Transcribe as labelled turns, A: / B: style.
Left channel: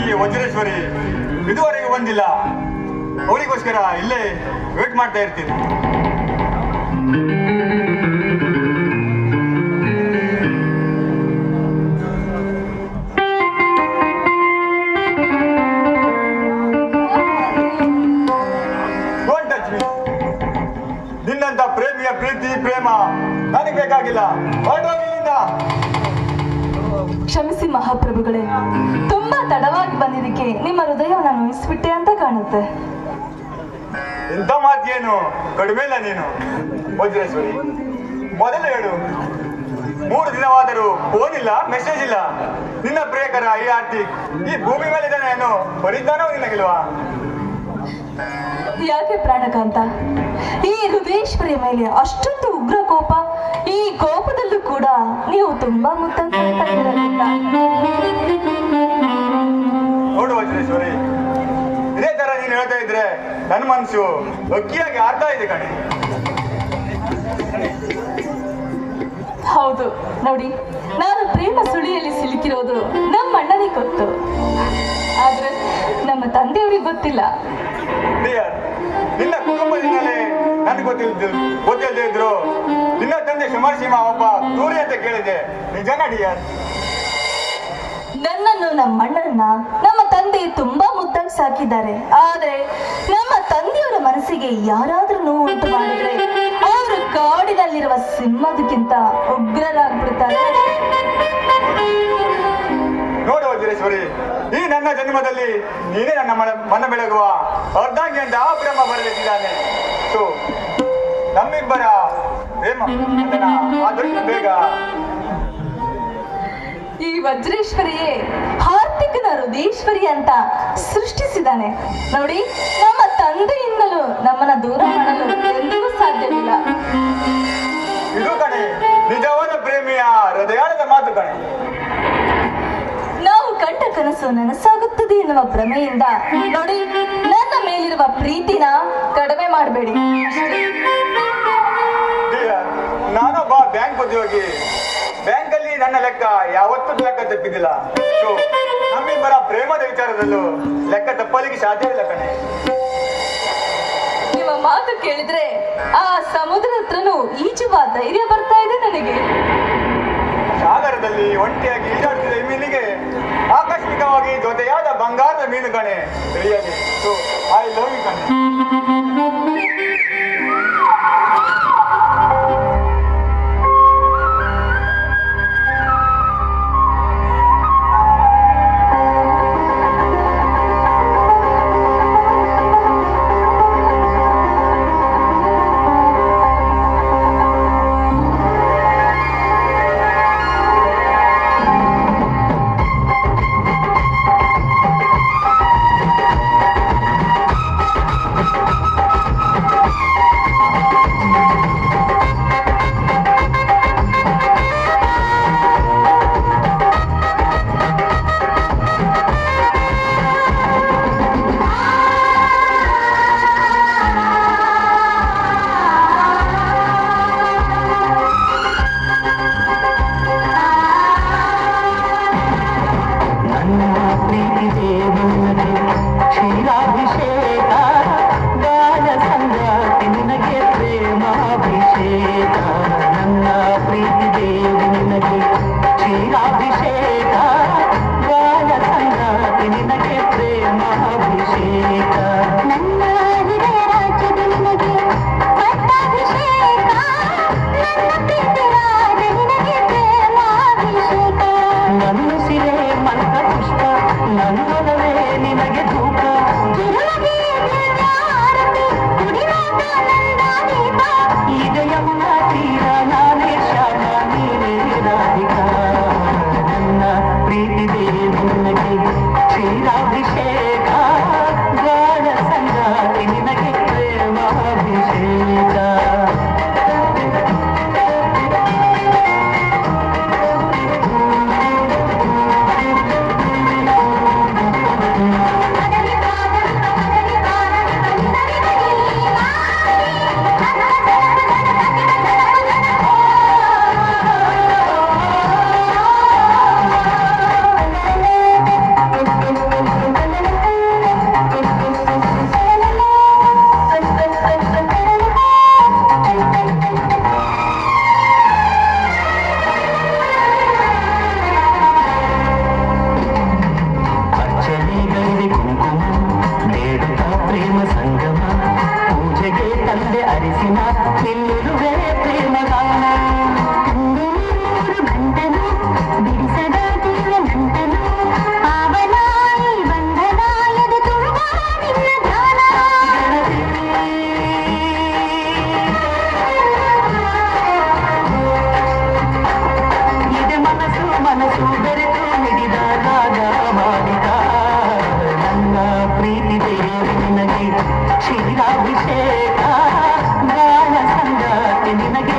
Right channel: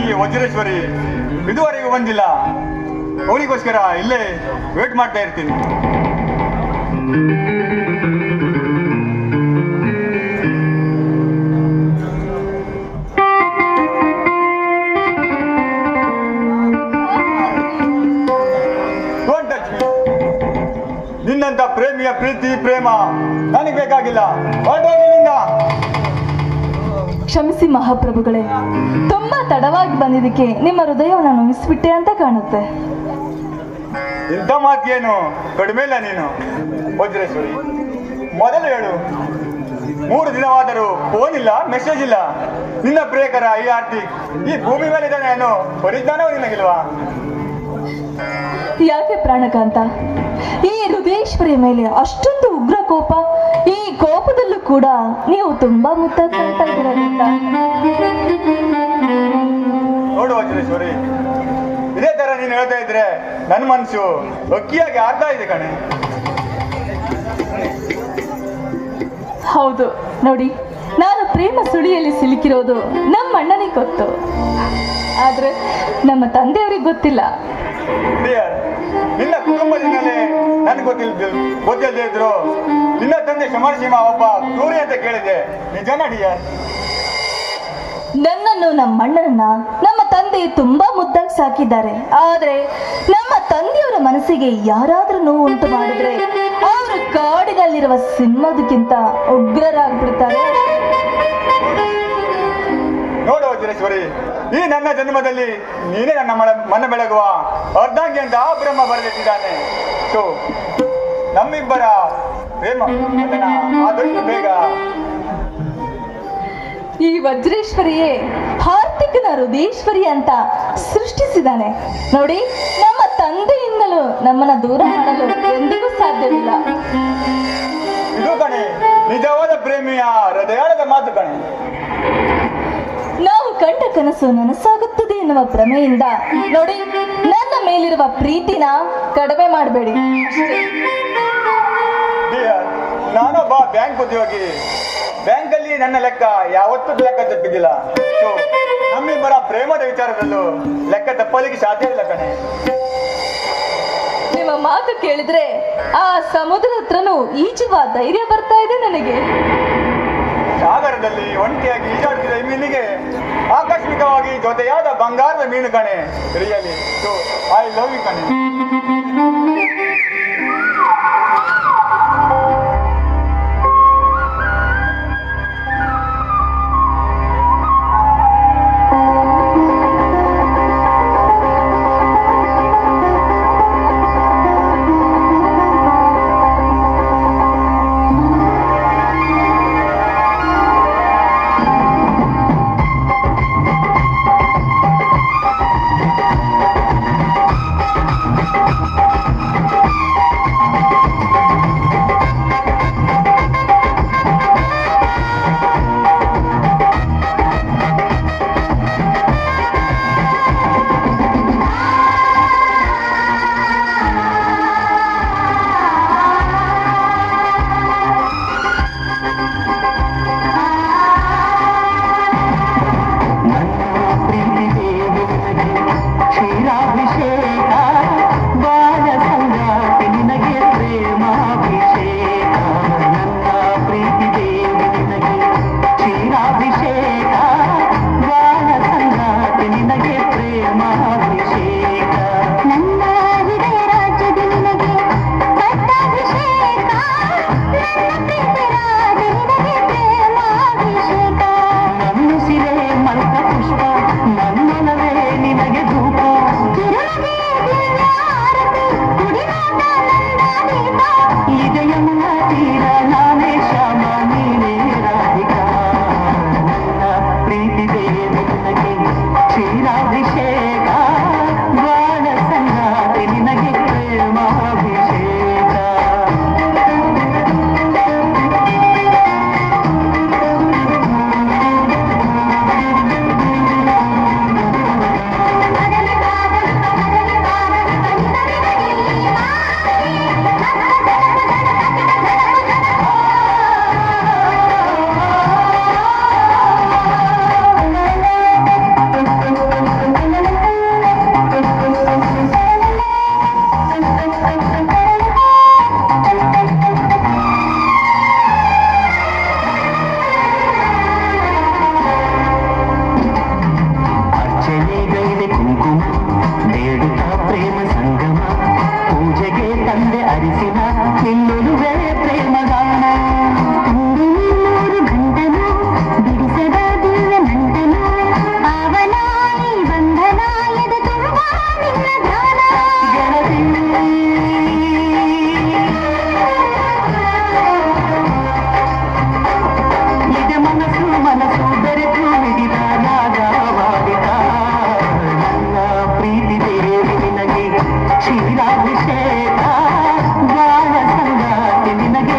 A: ದಾಸಿ ವಜ್ರೇಶ್ವರಿ. ಇದುವರೆಗೂ ಬಂದಿಲ್ಲ. ಅವರಿಗೋಸ್ಕರ ಇಲ್ಲೇ ವೇಟ್ ಮಾಡ್ತಾ ಇರ್ತೀನಿ. ನಿನ್ನಂತ ಪ್ರೇಮಿಯ ಪ್ರೀತಿ, ಪ್ರೇಮ ನನಗೆ ಬೇಕಾಗಿಲ್ಲ.
B: ಕ್ಷಮಿಸಿ ಮಹಾಪ್ರಭುಗಳೇ, ತುಂಬಾ ತಡವಾಗಿ ಬಂದಿದ್ದಕ್ಕೆ ನಿಮ್ಮ ಹೃದಯವನ್ನು ನೋಯಿಸ್ಬಿಟ್ಟೆ ಅಂತ ಕಾಣುತ್ತೆ.
A: ಇಂಥ ಮಾತೇನು? ಕಡಿಮೆ ಇಲ್ಲ ನೀನು. ವಜ್ರೇಶ್ವರಿ ಮೊದಲು ಹೇಳು. ಮೂರು ದಿನವಾದರೂ ಫೋನ್ ಇಲ್ಲ ಮೆಸೇಜ್ ಇಲ್ಲ. ನಿನ್ನ ಪ್ರೇಕರ ಈ ಆರ್ತಿ ಈ ಭೂಮಿ ಮೇಲೆ ಇದ್ದಾನೆ ಏನು? ಬರಿದ್ದಾನೋ ನಿನಗಿಲ್ವಾ?
B: ಯಾಕೆ ಪ್ರಾಣಕಾಂತ? ಈ ಹೃದಯೇಶ್ವರಿಯ ಮೇಲೆ ಅಷ್ಟೊಂದು ಉಗ್ರ ಕೋಪ ಈ ಕೋಪದಲ್ಲೂ ಕೂಡ ನೀವು ತುಂಬಾ ಮುತ್ತಾಗಿ ಕಾಣ್ತಾ ಇದ್ದೀರ?
A: ನನ್ನ ಮನಸ್ಸು ಅಕ್ಕಿಯಾಗಿ ಆಡ್ತಾ ಇದೆ ಕಣೆ.
B: ಹೌದು ನೋಡಿ ನಾನು ಪ್ರೇಮ ಸುಳಿಯಲ್ಲಿ ಸಿಲುಕಿರೋದು ನಮ್ಮ ಅಣ್ಣನಿಗೆ ಗೊತ್ತು ಆದ್ರೆ ನಮ್ಮ ತಂದೆಯವರಿಗೆ ಗೊತ್ತಿಲ್ಲ.
A: ನಿನ್ನ ಕುಟುಂಬದಿಂದಲೇ ನನಗೆ ಗೊತ್ತಿಲ್ಲ ಗೊತ್ತಿಲ್ಲದೆ ಇದ್ರು. ನಿನ್ನ ತಂದೆ ಶಮರ್ಸಿಂಹ ಒಬ್ಬ ಕ್ರೂರಿ ಅಂತ ಕೇಳಿದೆ. ನಿಜ ಡಿಯರ್
B: ನನ್ನನ್ನು ನಮ್ಮ ಅಣ್ಣನ ನಮ್ಮ ತಂದೆ ತುಂಬಾ ಮುದ್ದಾಗಿ ಸಾಕಿದ್ದಾರೆ. ಆದ್ರೆ ನಮ್ಮ ತಂದೆಯವರ ಮನಸ್ಸಿಗೆ ಯಾರಾದ್ರೂ ನೋವು ಉಂಟು ಮಾಡಿದ್ರೆ ಅವರು ಕಾಡಿನಲ್ಲಿರುವ ಸಿಂಹದಕ್ಕಿಂತ ಉಗ್ರರಾಗ್ಬಿಡ್ತಾರೆ.
A: ನೋಡು ವಜ್ರೇಶ್ವರಿ ಈ ನನ್ನ ಜನ್ಮದಲ್ಲಿ ನೀನೇ ನನ್ನ ಮನ ಮನ ಬೆಳಗುವ ಅರ್ಧಾಂಗಿ ಅಂತ ಆ ಬ್ರಹ್ಮ ಬರೆದಿದ್ದಾನೆ ಸೊ ನಮ್ಮಿಬ್ಬರ ಪ್ರೇಮ ಆದಷ್ಟು ಬೇಗ.
B: ಈ ವಜ್ರೇಶ್ವರಿಯೇ ಹಾರ್ದಿಕನ ಹೃದಯೇಶ್ವರಿ ಅಂತ ಸೃಷ್ಟಿಸಿದಾನೆ ನೋಡಿ ನಮ್ಮನ್ನ ದೂರ ಮಾಡಲು ಎಂದಿಗೂ ಸಾಧ್ಯವಿಲ್ಲ.
A: ಇದು ಕಣೆ ನಿಜವಾದ ಪ್ರೇಮಿಯ ಹೃದಯಾಳದ ಮಾತು ಕಣೆ.
B: ನಾವು ಕಂಡ ಕನಸು ನನಸಾಗುತ್ತದೆ ಎನ್ನುವ ಭ್ರಮೆಯಿಂದ ನೋಡಿ ನನ್ನ ಮೇಲಿರುವ ಪ್ರೀತಿನ ಕಡಿಮೆ ಮಾಡಬೇಡಿ.
A: ನಾನೊಬ್ಬ ಬ್ಯಾಂಕ್ ಉದ್ಯೋಗಿ. ಬ್ಯಾಂಕಲ್ಲಿ ನನ್ನ ಲೆಕ್ಕ ಯಾವತ್ತೂ ಲೆಕ್ಕ ತಪ್ಪಿದ್ದಿಲ್ಲ. ನಮ್ಮಿಬ್ಬರ ಪ್ರೇಮದ ವಿಚಾರದಲ್ಲೂ ಲೆಕ್ಕ ತಪ್ಪಲಿಕ್ಕೆ ಸಾಧ್ಯ ಇಲ್ಲ ಕಣೆ.
B: ಕೇಳಿದ್ರೆ ಆ ಸಮುದ್ರ ಹತ್ರನೂ ಈಜುವ ಧೈರ್ಯ ಬರ್ತಾ ಇದೆ ನನಗೆ.
A: ಸಾಗರದಲ್ಲಿ ಒಂಟಿಯಾಗಿ ಈಜಾಡುತ್ತಿದ್ದ ಈ ಮೀನಿಗೆ ಆಕಸ್ಮಿಕವಾಗಿ ಜೊತೆಯಾದ ಬಂಗಾರದ ಮೀನು ಕಣೆ. ಐ ಲವ್ ಯು ಕಣೆ.
C: से ಪ್ರೀತಿ ದೇವಿ ನಿನಗೆ. ಕ್ಷೀರಾಭಿಷೇಕ ಸಂಗಾತಿ ನಿನಗೆ